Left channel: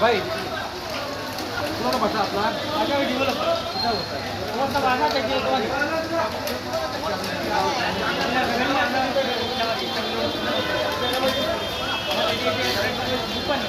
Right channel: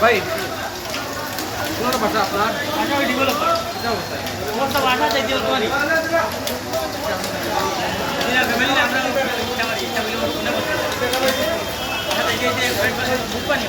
ভাই কোনটা ভাষা আপনার? ভাষা আমি ডেভেলপার। আমার সব ভাষা চাই দিও তোমারই। ফ্যামিলি না আমরা ফ্যামিলি বুক পানি।